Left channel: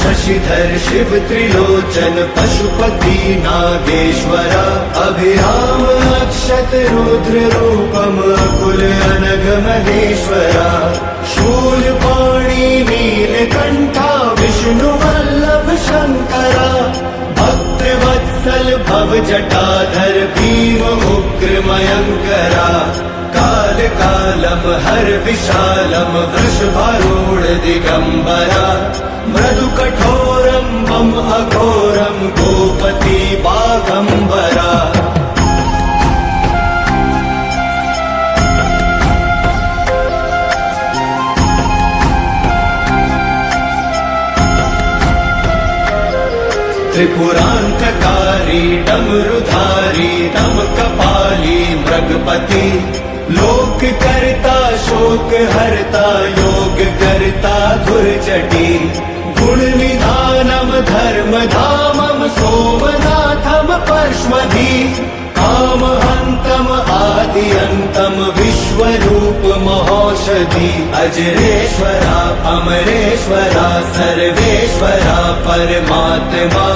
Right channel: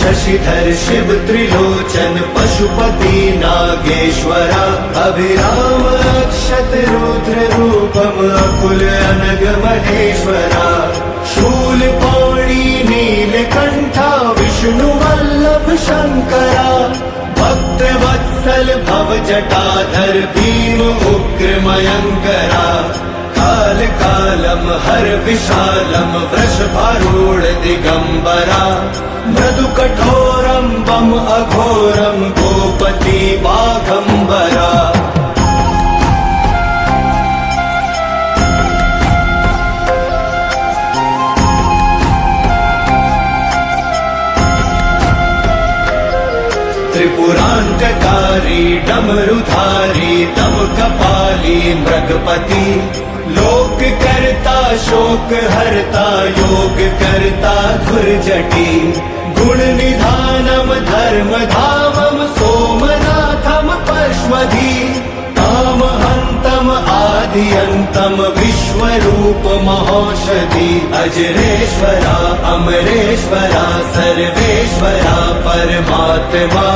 शशिधर शिव त्रिलोचन पशुपति नागेश्वरा अभिराम अक्षत रुद्र रूपम अकुल अनग महेश्वरा शूलपाणि नीलकंठा विष्णु वल्लभ शंकरा भक्त वत्सल भव जटाधर भीम उग्र मयंकरा काल कालम हर विशालम वृषभारूढ़ दिगंबरा मृदु कठोरम बम अघोरम गोपति बागंबरा त्रिपुरांतकारी डमरुधारी दम कपाली मृगपति लोक करता शोक हरता योग करता दुर्जटी गुण निधानम धर्म धामम सोमनाथम पश्वधी काम हंतम आदि अंतम विश्वरूप महौषधि अजरेश्वरा अमरेश्वरा सर्वेश्वरा परमात्मा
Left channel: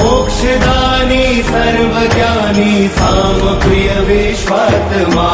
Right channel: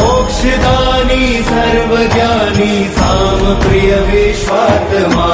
मोक्षदानी सर्वज्ञानी साम प्रिय विश्वात्मा